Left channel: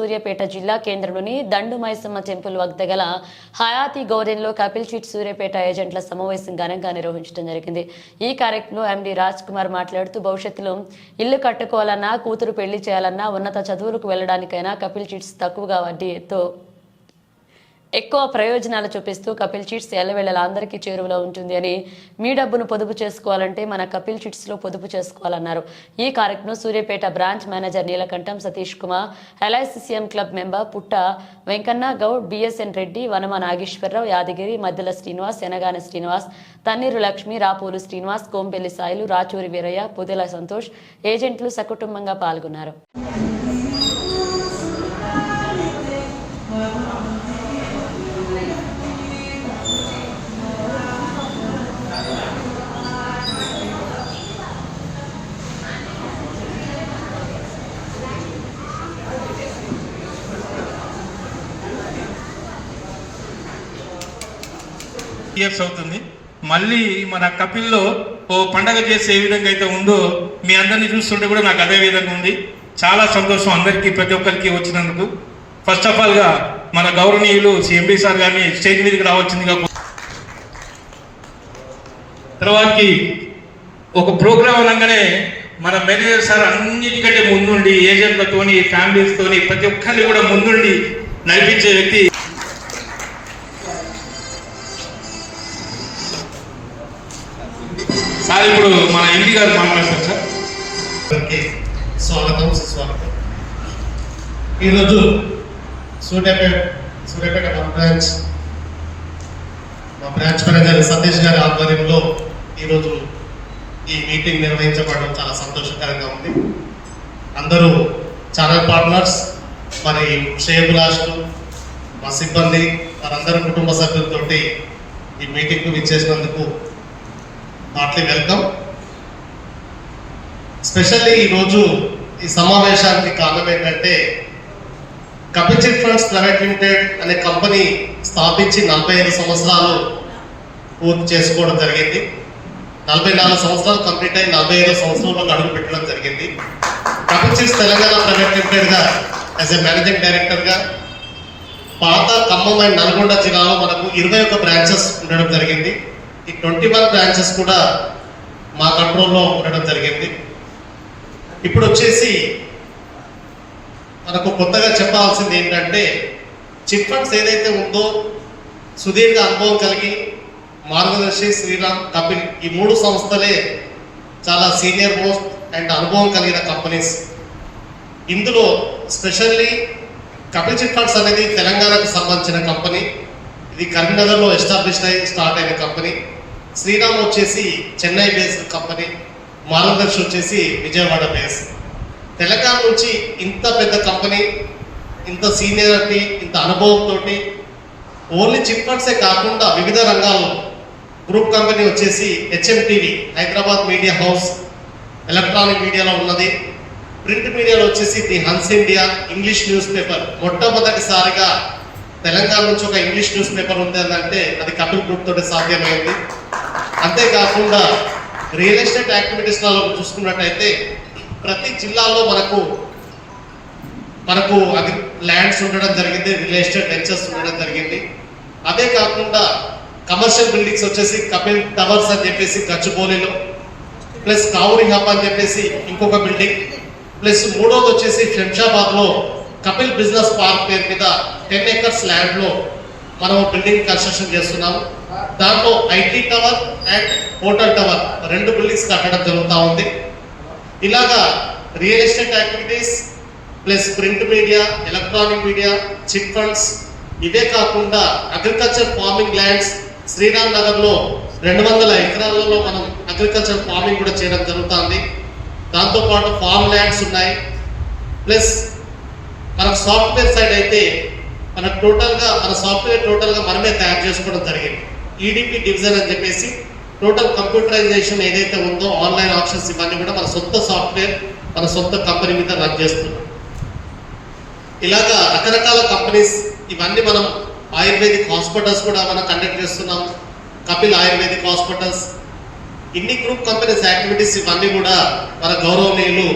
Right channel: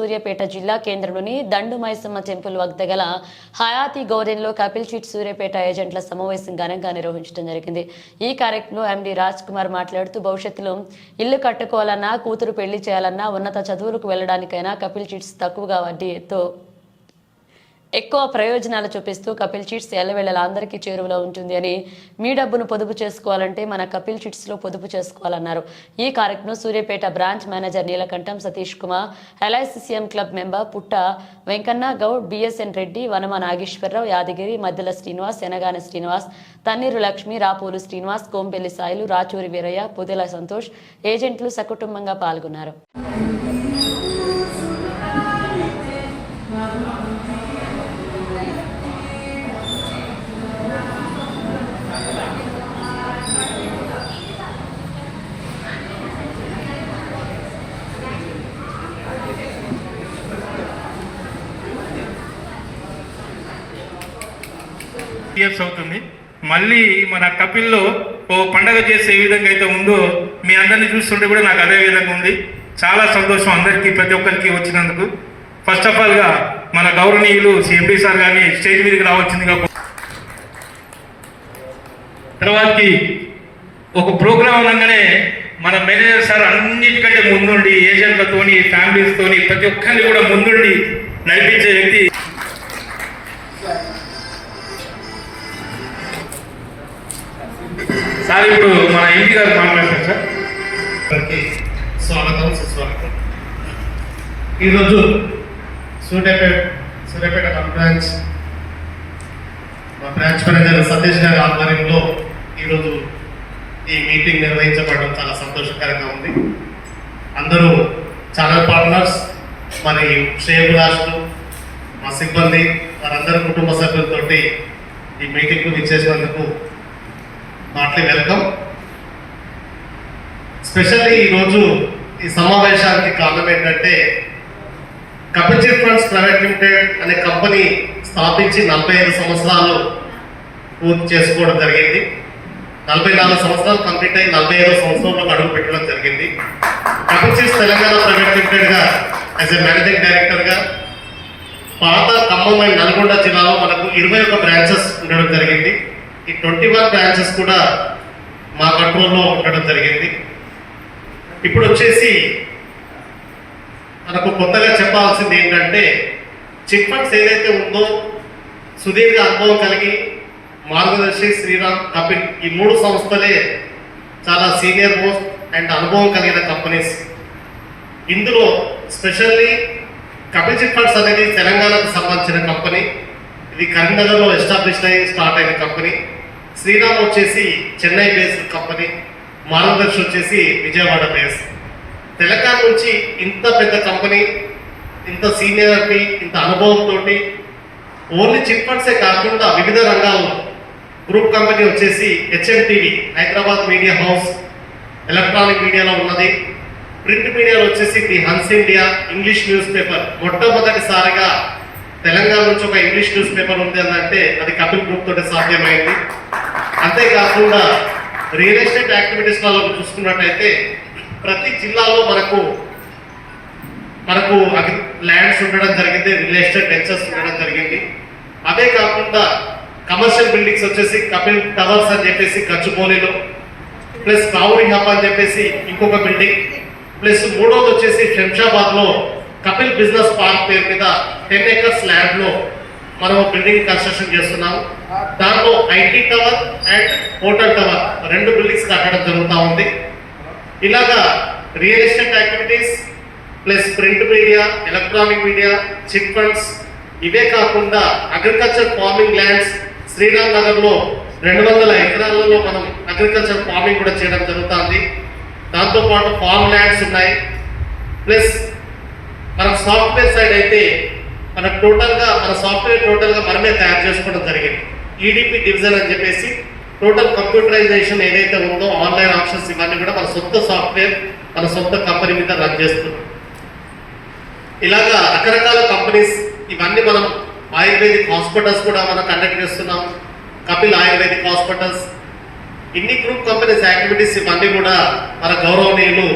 సూర్యాపేట జిల్లా కేంద్రంలోని దండు మైసమ్మ టెంపుల్ వద్ద గల హయాతి గౌరెన్లో కపిల్ చీట్ సూర్యాపేట ఏజెంట్ల సమావేశం ఘనంగా నిర్వహించడం జరిగింది. ఈ కార్యక్రమంలో ఎండి రాజ్ కుమార్ మాట్లాడుతూ భవిష్యత్తులో ఇల్లు కట్టుకోవాలన్నా కూతురు పెళ్ళి చేయాలన్నా ఉన్నత చదువులకు వెళ్ళడానికైనా కపిల్ చీట్స్ తక్కువగా వడ్డీతో ఎక్కువ ప్రయోజనాలు చూపిస్తూ కపిల్ చిట్స్ ఎల్లవేళలా అందరికీ చేరువలో ఉంటుంది అని మీ డబ్బును పొదుపు చేసుకోవాలంటే మన కపిల్ చిట్స్లో పొదుపు చేసుకోవాలన్నారు. ఈ కార్యక్రమం Suryapet branch manager Neelakantham Satish Kumar LICCM club member Putta Venkanna Goud BSN Reddy Vanama Nageswararao Yadagiri Maddela Srinivas Enagani Srinivas Thanneeru Lakshmi Rapolu Srinivas Kompelli Sailu Rachuri Veeraiah Pudela Santosh ఏజెంట్లు సకుటుంబంగా పాల్గొన్నారు. Years అవుతుంది. మళ్ళీ మన కపిల్లో ఓ పండగ చేసే ఏ విధంగా అయితే ఉందో మీ అందరిని చూస్తుంటే కూడా నాకు అదే విధంగా ఉంది. చాలా సంతోషం అందరికీ ప్రతి ఒక్కరికి వచ్చినందుకు. ఫస్ట్ ఆఫ్ ఆల్గా మన గౌరవనీయులు ఎంపీ సార్ గారిని స్టేజ్ మీదకి రావచ్చిందిగా తర్వాతకి ఒక ప్రోగ్రాం అనగానే మన మేనేజర్ సార్ అన్నిటికంటే ముందుండి ఏజెంట్లతోని ఫ్యామిలీస్తోని ప్రతి ఒక్కరిని కూడా ముందుండి నడిపించే వ్యక్తి ఈరోజు సూర్యాపేట సూర్యాపేట మా బ్రాంచ్ మా బ్రాంచ్ మేనేజర్ సతీష్ గారి ఆధ్వర్యంలో ఈరోజు ఈ మీటింగ్ నిర్వహించబడడం చాలా సంతోషకరంగా ఉంది. అందరూ ఛానల్ పార్ట్నర్స్ మరి శ్రేయభిలాషులు మా సిబ్బంది వారందరూ కుటుంబ సభ్యులతోటి ఈ మీటింగ్కు విచ్చేసినందుకు మాట్లీ వెల్కమ్. స్పెషల్లీ ఈరోజు ఈ సమావేశానికి కారణం ఏంటంటే కపిచిట్ ఫండ్స్ ప్రైవేట్ లిమిటెడ్ అనే కంపెనీ స్థాపించి నలభై ఐదు సంవత్సరాలు పూర్తి చేసుకోవడం జరిగింది. నలభై నాలుగు సంవత్సరాలు కంప్లీట్ అయ్యి నలభై ఐదో సంవత్సరంలో అడుగు పెట్టడం జరిగింది. కపిచిట్స్ తెలంగాణ ప్రైవేట్ లిమిటెడ్గా యాజ్ ఎ మేనేజింగ్ డైరెక్టర్గా పాత ఖమ్మం అండ్ నల్గొండ జిల్లాలో మనకు ఇరవై ఒక్క బ్రాంచెస్ ఉండడం జరిగింది. ఈ ట్వంటీ వన్ బ్రాంచెస్ కూడా మా కంట్రోల్లో ఉండడం జరిగింది. ఇప్పుడు వచ్చేసి మనకు కొత్తగా చెప్పాల్సింది ఏంటంటే చిట్ ఫండ్స్ ఏదైతే ఉందో సుదీర్ఘ అనుభవం కలిగి మార్గదర్శి శ్రీరామ్ కపిల్ ఈ మూడు సంస్థలే చాలా సీనియర్ మోస్ట్ అండ్ అనుభవం కలిగిన కంపెనీస్. ఇందులో స్పెషల్లీ కపిల్ చిట్ ఫండ్స్ అనేది తెలంగాణకు సంబంధించిన కంపెనీ. ఇది కరీంనగర్లో ఎస్టాబ్లిష్ అయి స్టార్ట్ అయిన కంపెనీ. శ్రీరామ్ వచ్చేసి చెన్నై బేస్డ్ కంపెనీ. మార్గదర్శి వచ్చేసి విజయవాడ బేస్డ్. తెలంగాణ నుంచి ఇంత పెద్ద కంపెనీ ఇంత సీనియారిటీ ఇంత అనుభవంతో ఓన్లీ చిట్ ఫండ్సే కాకుండా వివిధ రంగాల్లో గ్రూప్ కంపెనీ వచ్చేసి HMTV Hyderabad media house electronic మీడియాలో ఉన్నది. ప్రింట్ మీడియాలో వచ్చేసి the Hans India English newspaper. మొట్టమొదటిసారిగా తెలంగాణ నుంచి ఒక ఇంగ్లీష్ న్యూస్ పేపర్ ఉంది అంటే అది కపిల్ గ్రూప్ తోటి సాధ్యమైంది. అంతేకాకుండా రియల్ ఎస్టేట్ యాక్టివిటీస్లలో చూసుకున్నట్టయితే ప్రతి జిల్లాలో మనకు మనకు ల్యాండ్స్ ఉండడం జరిగింది రియల్ ఎస్టేట్ వెంచర్స్ ఉండడం జరిగింది. అదే కాకుండా కమర్షియల్ బిల్డింగ్స్ వచ్చేసి కపిల్ టవర్స్ అని చెప్పేసి గచ్చిబౌలిలో ప్లస్ కావురి హబ్ అని చెప్పేసి ఇంకొక బిల్డింగ్ ప్లస్ మూడోది వచ్చేసి శంషాబాద్లో కపిల్ బిజినెస్ పార్క్ పేరు మీద టెన్ ఏకర్స్ ల్యాండ్లో మనం బిల్డింగ్ కన్స్ట్రక్షన్ చేస్తున్నాము. దాంట్లో IT tower and hotel tower రెండు బిల్డింగ్స్ కట్టడం జరుగుతూ ఉంది. ఇలాగా real estate activities plus print media electronic media chit funds ఇవే కాకుండా అగ్రికల్చర్ ఫార్మింగ్ ల్యాండ్స్ శ్రీరామ్ నగర్లో రెండు వందల ఎకరాలలో మనం అగ్రికల్చర్ ఫార్మింగ్ కూడా చేయడం జరుగుతుంది. దాంతో పాటు ఫార్మ్ ల్యాండ్స్ ఉన్నాయి. ప్లస్ మనకు సాఫ్ట్వేర్ సైడ్ అయితే మన టోటల్గా మన సాఫ్ట్వేర్ టోటల్గా మనమే తయారు చేసుకోవడం జరిగింది. ఈడిపి డివిజన్ అని చెప్పేసి టోటల్ కంప్యూటరైజేషన్ ఏదైతే ఉందో ఆన్లైన్ ఆప్షన్స్ ఇవన్నీ కూడా మన సొంత సాఫ్ట్వేర్ మన సొంత కంపెనీ మీద రన్ చేస్తుంది. ఇలాగా రకరకాల కంపెనీస్ ఇవన్నీ మనం ఆయుర్వేదిక్ హాస్పిటల్స్ కూడా మనం కండక్ట్ చేస్తున్నాం. కపిల్ ఆయుర్వేదిక్ హాస్పిటల్స్ ఇన్ని గ్రూప్ కంపెనీస్ యాక్టివిటీస్ ఇవన్నీ కూడా మన గౌరవనీయులు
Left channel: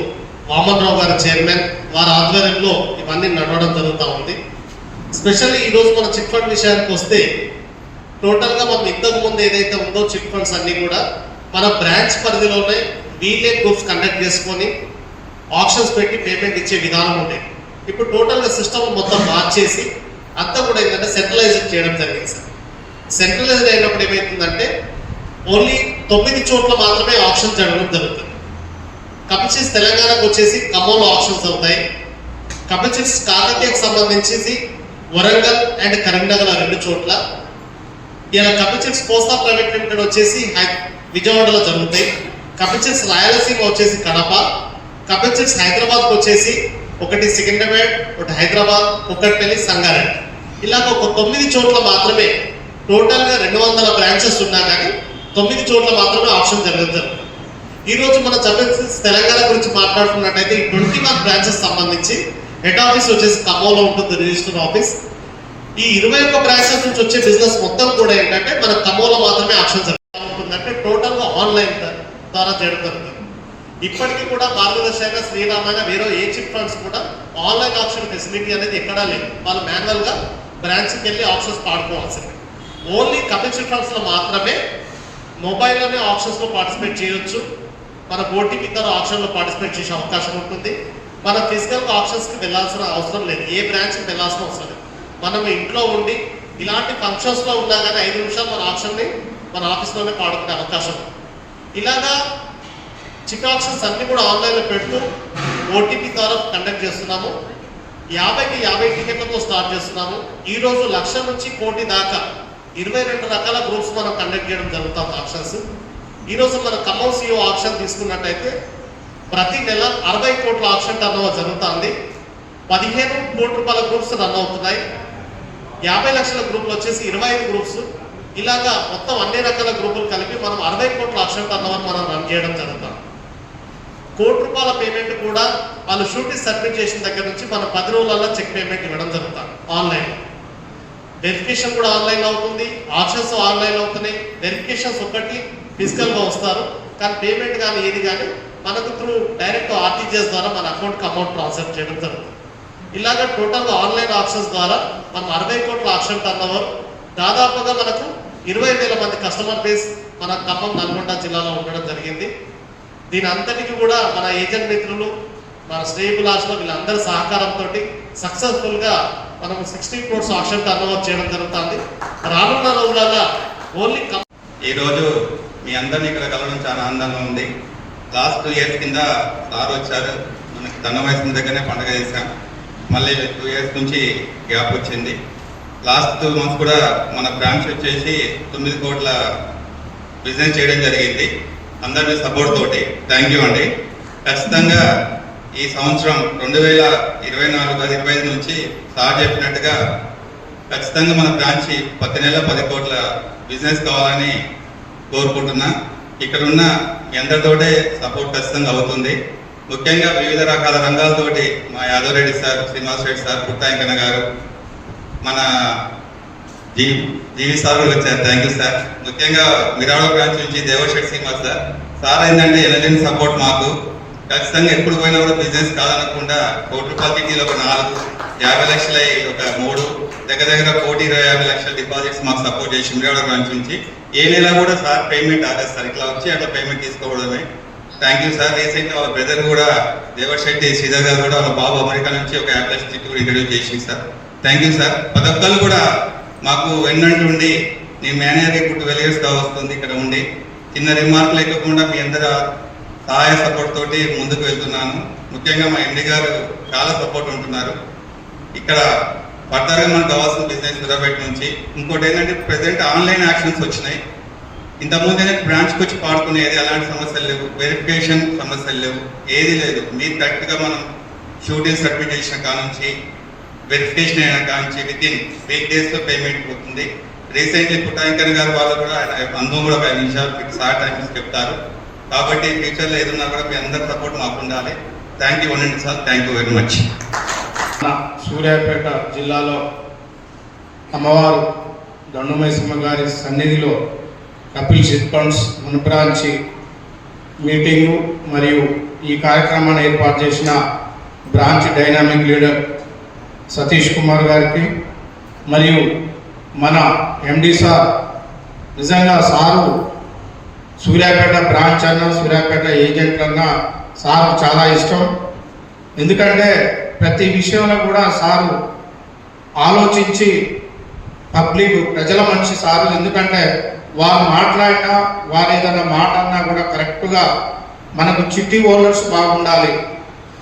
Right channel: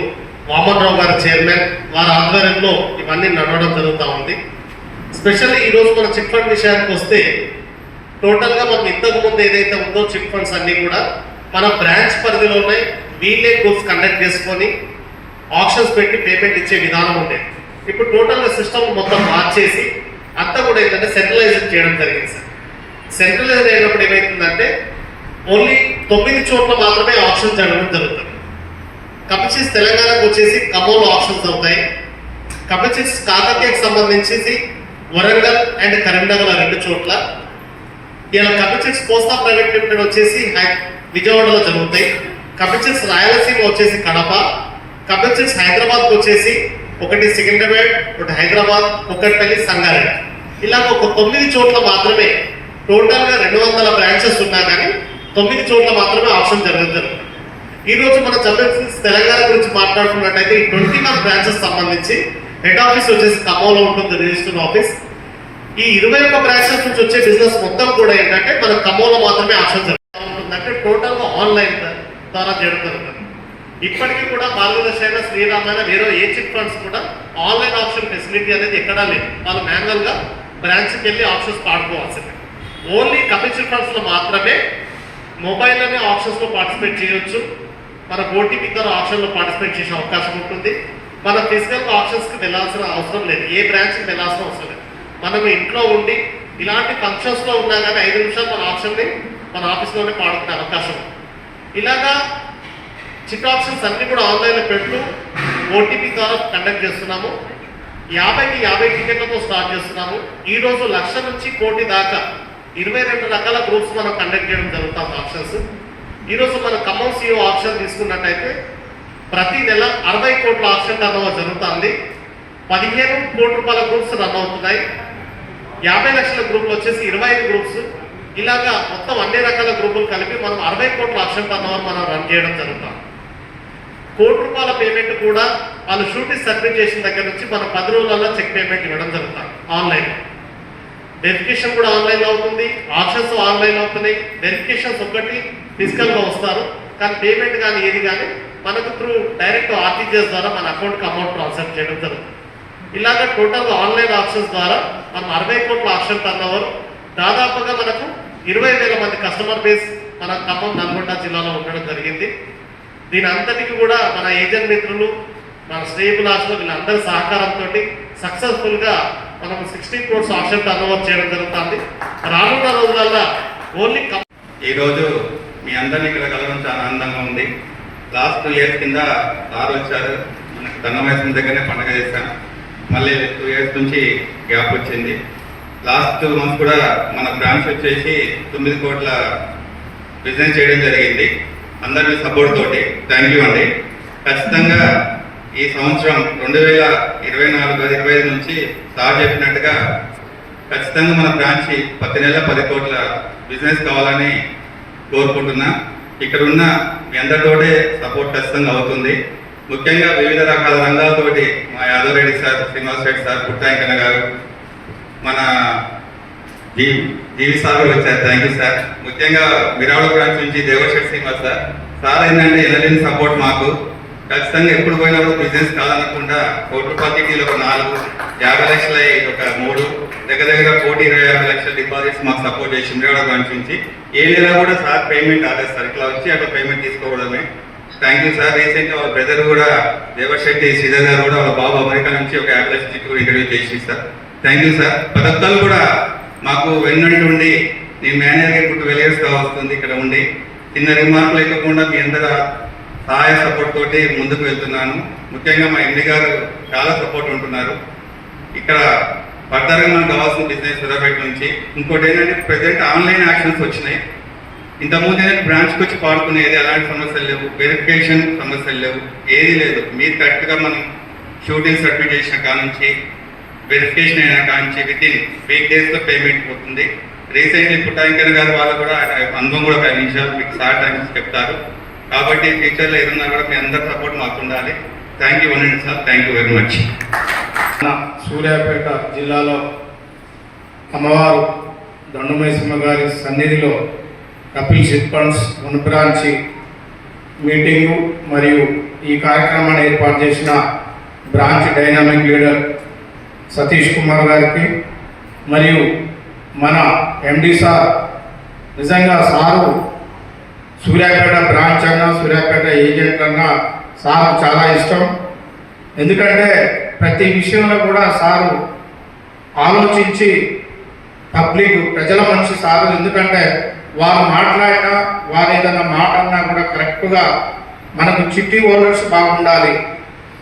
వామన్రావు గారు చైర్మన్ వారి ఆధ్వర్యంలో ఇవన్నీ నడవడం జరుగుతూ ఉంది. స్పెషల్లీ ఈరోజు మన చిట్ ఫండ్ విషయానికి వస్తే టోటల్గా మనం ఇంతకు ముందు ఏదైతే ఉందో చిట్ ఫండ్స్ అన్నీ కూడా మన బ్రాంచ్ పరిధిలోనే వీళ్ళే గ్రూప్స్ కండక్ట్ చేసుకొని ఆప్షన్స్ పెట్టి పేమెంట్ ఇచ్చే విధానం ఉండేది ఇప్పుడు టోటల్గా సిస్టమ్ మొత్తం మార్చేసి అంతా కూడా ఏంటంటే సెంట్రలైజ్ చేయడం జరిగింది సార్. సెంట్రలైజ్ అయినప్పుడు ఏమవుతుందంటే ఓన్లీ తొమ్మిది చోట్ల మాత్రమే ఆప్షన్ జరగడం జరుగుతుంది. కపిచిస్ తెలంగాణకు వచ్చేసి ఖమ్మంలో ఆప్షన్స్ అవుతాయి. కపిచిస్ కాకతీయకు సంబంధించి వరంగల్ అండ్ కరీంనగర్ ఆ రెండు చోట్ల ఇలా కపిచెట్స్ కోస్తా ప్రైవేట్ లిమిటెడ్ వచ్చేసి విజయవాడలో జరుగుతాయి. కపిచెట్స్ రాయలసీమ వచ్చేసి కడప. కపిచెట్స్ హైదరాబాద్కి వచ్చేసి ఒకటి సికింద్రాబాద్ ఒకటి హైదరాబాద్ కుక్కట్పల్లి సంగారెడ్డి. ఇలాగ ఒక తొమ్మిది చోట్ల మాత్రమే టోటల్గా రెండు వందల బ్రాంచెస్ ఉన్నా కానీ తొమ్మిది చోట్ల మాత్రమే ఆప్షన్ జరుగుతుంది. ఈరోజు మనం మన తెలంగాణ గురించి మాట్లాడుకున్నట్టయితే ఈ ట్వంటీ వన్ బ్రాంచెస్ సంబంధించి హెడ్ ఆఫీస్ వచ్చేసి ఖమ్మంలో ఉంటుంది రిజిస్టర్ ఆఫీస్. ఈ ఇరవై ఒక్క బ్రాంచెస్ నుంచి వచ్చే బిజినెస్ మొత్తం కూడా ఏంటంటే మన ఖమ్మంలో మాత్రమే ఆప్షన్ ఉంటుందంటే టోటల్గా ఆన్లైన్ ద్వారా చేయడం జరుగుతుంది. ఇప్పటికీ కూడా మార్గదర్శి అయినా శ్రీరామైన వేరే ఏ చిట్ ఫండ్స్ కూడా ఆన్లైన్ ఆప్షన్ ఫెసిలిటీ అనేది ఎక్కడా లేదు. వాళ్ళు మాన్యువల్గా బ్రాంచ్కి వెళ్ళి ఆప్షన్స్ పాడుకోవాల్సింది ఓన్లీ కపిల్ చిట్ ఫండ్స్లో మాత్రమే మొబైల్ అనే ఆప్షన్స్లో పార్టిసిపేట్ చేయొచ్చు. మన ఓటీపీ ద్వారా ఆప్షన్లో పార్టిసిపేట్ చేసే అవకాశం ఉంటుంది. మన ఫిజికల్ ఆప్షన్స్కి వెళ్ళాల్సిన అవసరం లేదు. ఏ బ్రాంచ్కి వెళ్ళాల్సిన అవసరం లేదు. మనం ఇంట్లో ఉండి ఇలాంటి ఫంక్షన్స్లో ఉన్నా కానీ ఐదు నిమిషాలు మన ఆప్షన్ని మన ఆఫీస్లోనే పాడుకునే అవకాశం. ఇలాగా చిట్ ఆప్షన్స్ అన్నీ కూడా ఆన్లైన్లో పెడుతూ ఓటీపీ ద్వారా కండక్ట్ చేస్తున్నాము. యాభైకి యాభై టికెట్లతో స్టార్ట్ చేస్తున్నాము. ఈరోజు లక్ష నుంచి కోటి దాకా ఇరవై రెండు రకాల గ్రూప్స్ మనం కండక్ట్ చేయడం జరుగుతాం ఆప్షన్స్ ఈరోజు మనం మన ఖమ్మం సిఓ ఆప్షన్ తీసుకున్నట్టయితే ప్రతి నెల అరవై కోట్ల ఆప్షన్ టర్న్ ఓవర్ జరుగుతుంది. పదిహేను కోట్ల రూపాయల గ్రూప్స్ రన్ అవుతున్నాయి. యాభై లక్షల గ్రూపులు వచ్చేసి ఇరవై ఐదు గ్రూప్స్. ఇలాగా మొత్తం అన్ని రకాల గ్రూపులు కలిపి మనం అరవై కోట్ల ఆప్షన్ టర్నవర్ మనం రన్ చేయడం జరుగుతాం. కోటి రూపాయల పేమెంట్ కూడా వాళ్ళు షూటింగ్ సబ్మిట్ చేసిన దగ్గర నుంచి మనం పది రోజులలో చెక్ పేమెంట్ ఇవ్వడం జరుగుతాం ఆన్లైన్. వెరిఫికేషన్ కూడా ఆన్లైన్ అవుతుంది. ఆప్షన్స్ ఆన్లైన్ అవుతున్నాయి. వెరిఫికేషన్స్ ఒకటి ఫిజికల్గా వస్తారు. కానీ పేమెంట్ కానీ ఏది కానీ మనకు త్రూ డైరెక్ట్ ఆర్టీజీఎస్ ద్వారా మన అకౌంట్కి అమౌంట్ ట్రాన్స్ఫర్ చేయడం జరుగుతుంది. ఇలాగ టోటల్ ఆన్లైన్ ఆప్షన్స్ ద్వారా మనం అరవై కోట్ల ఆప్షన్ టర్న్ దాదాపుగా మనకు ఇరవై వేల మంది కస్టమర్ బేస్ మన ఖమ్మం నల్గొండ జిల్లాలో ఉండడం జరిగింది. దీని అంతటికి కూడా మన ఏజెంట్ మిత్రులు మన శ్రేయబులాష్లో వీళ్ళందరి సహకారంతో సక్సెస్ఫుల్గా మనం సిక్స్టీ క్రోర్స్ ఆప్షన్ టర్న్ చేయడం జరుగుతుంది. రానున్న రోజులలో ఓన్లీ ఈరోజు మీ అందరినీ ఇక్కడ కలవడం చాలా ఆనందంగా ఉంది. లాస్ట్ టూ ఇయర్స్ కింద సార్ వచ్చారు. మనకి దండమేసిన దగ్గరనే పండుగ చేశాం. మళ్ళీ టూ ఇయర్స్ నుంచి గ్యాప్ వచ్చింది. లాస్ట్ టూ మంత్స్ కూడా మన బ్రాంచ్ వచ్చేసి తొమ్మిది కోట్ల బిజినెస్ చేయడం జరిగింది. అందరి సపోర్ట్ తోటి. థ్యాంక్ యూ అండి. ఖచ్చితంగా ఈ సంవత్సరం రెండు వేల ఇరవై నాలుగు ఇరవై ఐదు నుంచి సార్ చెప్పినట్టుగా ఖచ్చితంగా మన బ్రాంచ్ ప్రతి నెల పది కోట్ల బిజినెస్ కావాలని కోరుకుంటున్నా. ఇక్కడ ఉన్న మీ అందరితోటే సపోర్ట్ ఖచ్చితంగా అవుతుంది. ముఖ్యంగా వివిధ రకాల రంగాలతోటి మా యాదవరెడ్డి సార్ శ్రీనివాస్ రెడ్డి సార్ పుట్టాయంకన్న గారు మన జీ జీవి సార్ వచ్చారు. థ్యాంక్ యూ సార్ ముఖ్యంగా విరాళ బ్రాంచ్ నుంచి దేవశెట్టి శ్రీనివాస్ సార్. సార్ ఏంటంటే ఎనలేని సపోర్ట్ మాకు. ఖచ్చితంగా ఎప్పుడు పోయినా కూడా బిజినెస్ కాదనకుండా కోటి రూపాయలకి ఒక నాలుగు యాభై లక్షల ఒక మూడు దగ్గర దగ్గర కోటి ఇరవై యాభై లక్షల డిపాజిట్స్ మాకు సపోర్ట్ చేసి విరాళ బ్రాంచ్ నుంచి ఏ నెల కూడా సార్ పేమెంట్ ఆర్డర్ ఇట్లా వచ్చి అట్లా పేమెంట్ తీసుకోవడమే థ్యాంక్ యూ సార్ రీసెంట్ వాళ్ళ బ్రదర్ కూడా దేవశెట్టి శ్రీధర్ గారు కూడా వాళ్ళ బాబు అమెరికా నుంచి ఒక యాభై లక్షల కూడా చేసి సార్ థ్యాంక్ యూ సార్ ప్రతి ఒక్కరు కూడా మాకు వెన్నంటుండి నేను మేనేజర్ ఇప్పుడు వెలియర్స్గా వస్తుంది ఇక్కడ ఉండి. చిన్న రిమార్క్ లేకుండా మీ అందరూ సహాయ సపోర్ట్ తోటి ముందుకు వెళ్తున్నాను. ముఖ్యంగా మా ఎండి గారు చాలా సపోర్ట్ ఉంటున్నారు. ఇక్కడ ఫర్దర్గా మనకు కావాల్సిన బిజినెస్ నిలబెట్టి నుంచి. ఇంకోటి ఏంటంటే ప్రజెంట్ ఆన్లైన్ యాక్షన్స్ వచ్చినాయి. ఇంతకుముందు ఏంటంటే బ్రాంచ్కి వచ్చి పాడుకునేది అలాంటి సమస్యలు లేవు. వెరిఫికేషన్ సమస్యలు లేవు. ఏది లేదు. మీరు కరెక్ట్గా మనం షూటింగ్ సర్టిఫికేషన్ చేసిన కాడ నుంచి వెరిఫికేషన్ అయిన కాడ నుంచి విత్ ఇన్ వీక్ డేస్లో పేమెంట్ పోతుంది. రీసెంట్లీ పుట్టాంకర్ గారు వాళ్ళు కూడా అందరూ కూడా ఒక నిమిషాలు మీకు సార్ టైమ్స్ చెప్తారు. కాబట్టి ఫ్యూచర్లో ఏదన్నా కూడా మీ అందరి సపోర్ట్ మాకు ఉండాలి thank you one sir thank you very much Suryapet జిల్లాలో అమ్మవారు దొండమైసమ్మ గారి సన్నిధిలో కపిల్ చిట్ ఫండ్స్ మన మీటింగు మరియు ఈ కార్యక్రమాన్ని ఏర్పాటు చేసిన branch dynamic leader Satish Kumar గారికి మరియు మన ఎండి సార్ నిజంగా సారు సూర్యాపేట బ్రాంచ్ అన్నా సూర్యాపేట ఏజెంట్ అన్నా సార్ చాలా ఇష్టం. ఎందుకంటే ప్రతి విషయంలో కూడా సారు ఆలోచించి పబ్లిక్ ప్రజల మనిషి సారు. ఎందుకంటే వారు మాట్లాడినా వారు ఏదైనా మాట అన్నా కూడా కరెక్ట్గా మనకు చిట్టి ఓనర్స్ బాగుండాలి.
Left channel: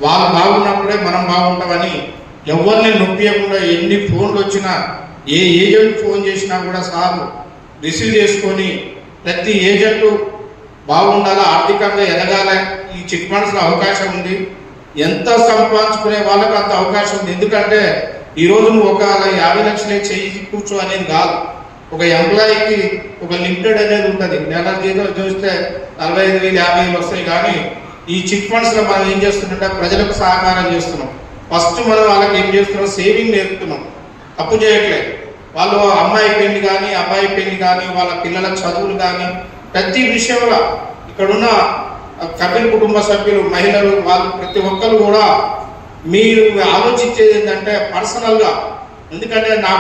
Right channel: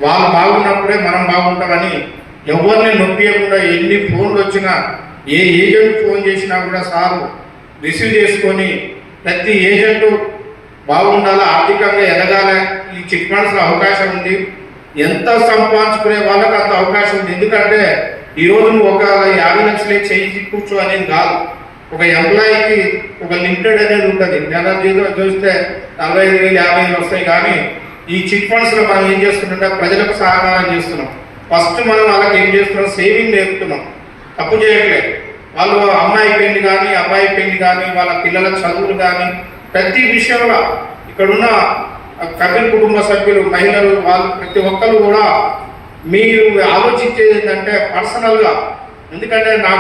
వాళ్ళు బాగున్నప్పుడే మనం బాగుంటామని ఎవరిని నొప్పియకుండా ఎన్ని ఫోన్లు వచ్చినా ఏ ఏజెంట్ ఫోన్ చేసినా కూడా సారు రిసీవ్ చేసుకొని ప్రతి ఏజెంటు బాగుండాలి ఆర్థికంగా ఎదగాలి ఈ చిట్ ఫండ్స్లో అవకాశం ఉంది. ఎంత సంపాదించుకునే వాళ్ళకి అంత అవకాశం ఉంది. ఎందుకంటే ఈ రోజు నువ్వు ఒక యాభై లక్షలే చేయించి కూర్చో అనేది కాదు. ఒక ఎంప్లాయీకి ఒక లిమిటెడ్ అనేది ఉంటుంది. నెల జీతం చూస్తే నలభై ఐదు వేలు యాభై వేలు వస్తాయి. కానీ ఈ చిట్ ఫండ్స్లో మనం ఏం చేస్తుంటే ప్రజలకు సహకారం చేస్తున్నాం. ఫస్ట్ మనం వాళ్ళకి ఏం చేస్తున్నాం? సేవింగ్ నేర్పుతున్నాం. తప్పు చేయట్లేదు వాళ్ళు అమ్మాయి పెళ్ళి కానీ అబ్బాయి పెళ్ళి కానీ వాళ్ళ పిల్లల చదువులు కానీ ప్రతి విషయంలో ఇక్కడున్న కపిల్ కుటుంబ సభ్యులు మహిళలు వాళ్ళు ప్రతి ఒక్కరు కూడా మీరు ఆలోచించేది ఏంటంటే పర్సనల్గా ఎందుకంటే నా